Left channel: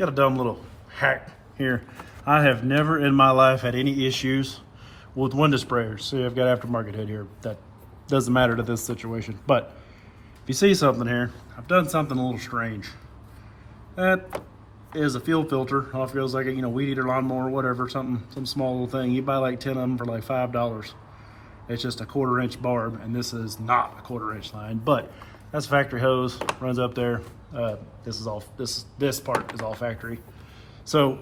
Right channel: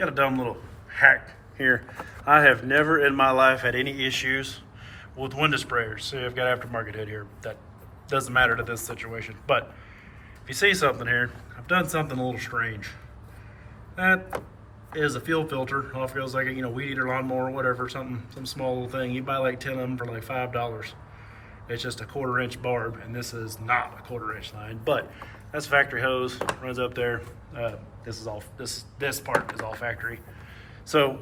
got a dumb little hack here. I have never in my life had any issues with window sprayers. See, I've got aftermarket hood here. That doesn't matter to this situation. But if you see something here, I've done something a little strange. That is a fuel filter. Off goes like a weed eater, lawnmower, whatever, some small little thing. You buy like 10 of them for like $5. It's just a 1/4 inch barb, and this is not a 1/4 inch line, but that's factory hose, runs up there. This part is all factory. So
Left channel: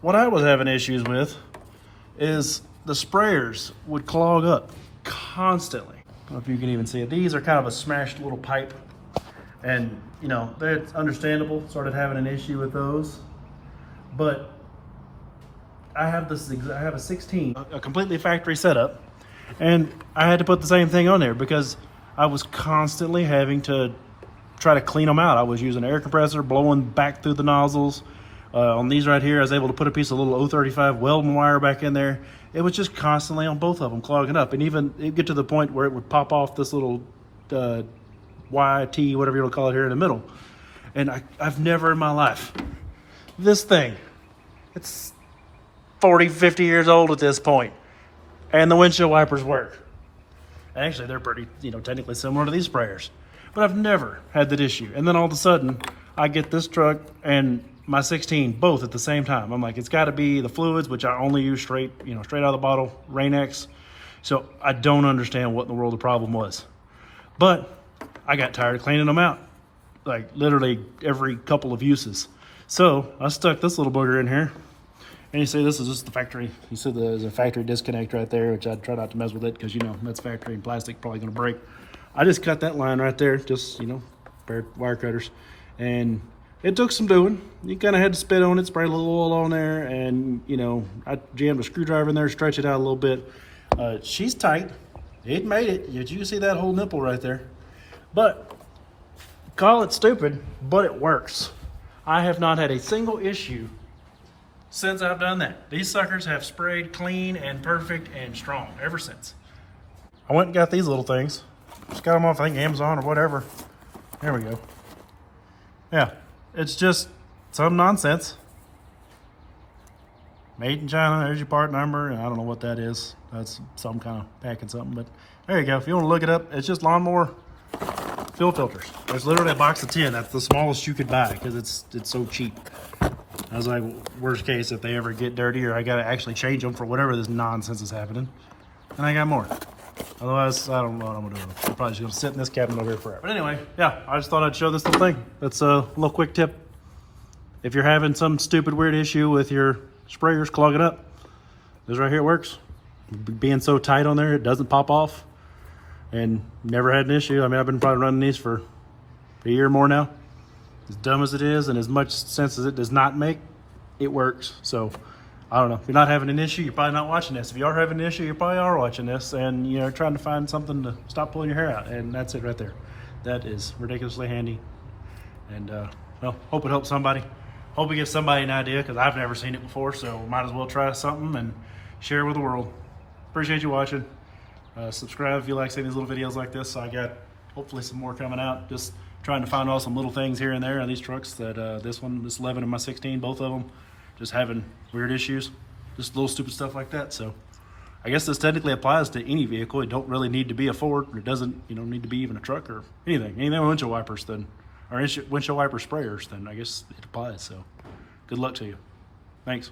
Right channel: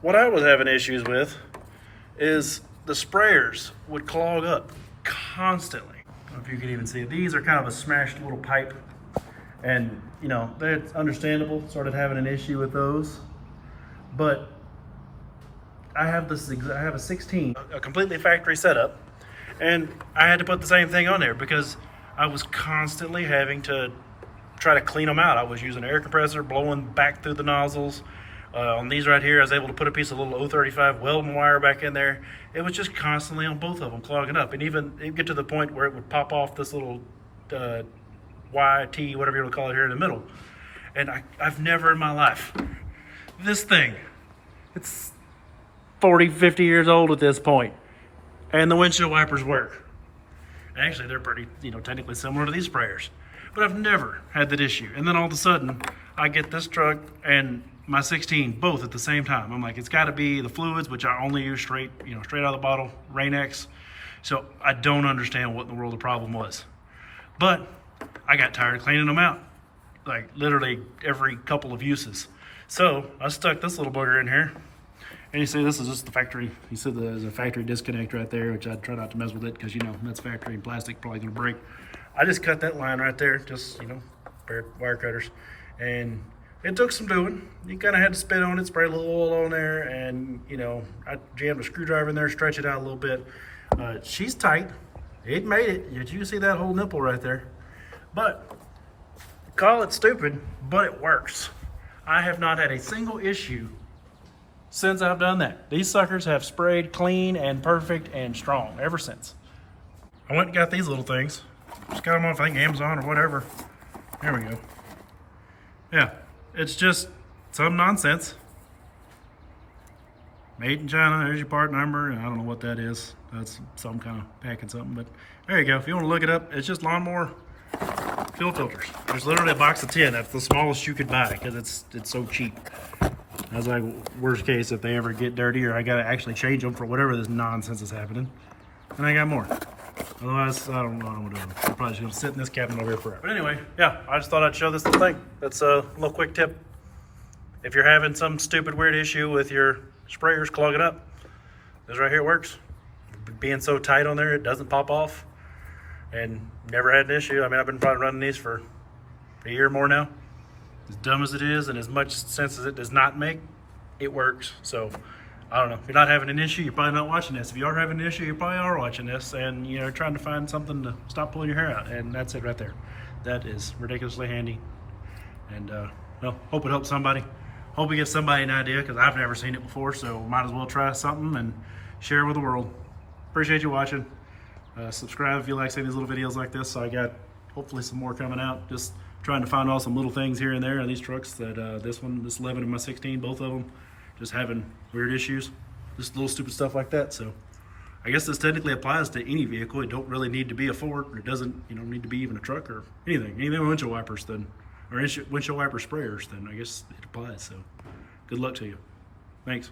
what I was having issues with is the sprayers would clog up constantly. I don't know if you can even see it. These are kind of a smashed little pipe, and that's understandable, started having an issue with those. But I have a 16, a completely factory setup, and I had to put the same thing on there because I was constantly having to try to clean them out. I was using an air compressor, blowing back through the nozzles. On these right here, I was able to put a piece of little 035 welding wire back in there. It was just constantly on both of them clogging up, and even it get to the point where it would pop off this little YT, whatever you want to call it, here in the middle. And I've never in my life, this thing, it's 40, 50 years old at this point, and the windshield wipers work. Actually, they're pretty, technically similar to these sprayers, but I've never had that issue. And then all of a sudden, I get this truck and my 16 both at the same time. I'm like, it's got to be the fluids, which I only use straight out of the bottle, Rain-X. So I don't understand what in the world the problem was. But I got tired of cleaning them out, like literally every couple of uses. So I stuck this little booger in here. And you see this is just the factory. You see there's a factory disconnect right there, which I'd try not to mess with it because that's factory and plastic, probably gonna break. I just cut that line right there, just pair of wire cutters. And it took some doing. You kind of had to spit on it, spray a little oil on there, and I jammed a screwdriver in there, stretch it out a little bit. She's tight. It made it. You can see that whole nipple right there. But call it stupid, but it works. I have not had a single issue since I've done that. These suckers have sprayed clean and perfect and strong ever since. I went and got these little things. Just got them off, I think, Amazon or whatever. There we go. Yeah, it's just some nonsense. Made in China, there's your part number, and I don't know what that is. That's some kind of packing something, but there you go. If you want to look it up, it's just lawnmower fuel filters. There's literally a box of 10. That's the smallest you could buy because it's so cheap. I was like, worst case, if they ever get dirty or I got to actually change them for whatever this nonsense is happening. And I got more. Otherwise, I don't know what I'm going to do. I'm probably just going to sit in this cabinet over here forever. But anyway, yeah, I just thought I'd show this little thing. That's a little quick tip. If you're having some stupid weird issue with your sprayers clogging up, this right here works. Being so tight on there, it doesn't pop off. And never had an issue. I mean, I've been probably running these for a year or more now. As dumb as it is and as much sense as it does not make, it works. So I don't know. If you're not having an issue, you're probably not watching this. If you are having an issue, you probably are watching this and you're trying to find something to stop pulling your hair out. And that's it right there. That is ridiculously handy. And well, hope it helps somebody. Hope it gives somebody an idea because I've never seen it before. So might as well try something and share with the world. Appreciate you watching. Subscribe if you like seeing these little videos like this. So I got hopefully some more coming out. Just trying to find all some little things here and there on these trucks that this 11 and my 16, both of them, just having weird issues, just little stupid stuff like that. So I guess this technically applies to any vehicle. It don't really need to be a Ford, or it doesn't need to be even a truck or anything with windshield wipers then, or windshield wiper sprayers, then I guess it applies. So good luck to you. Thanks.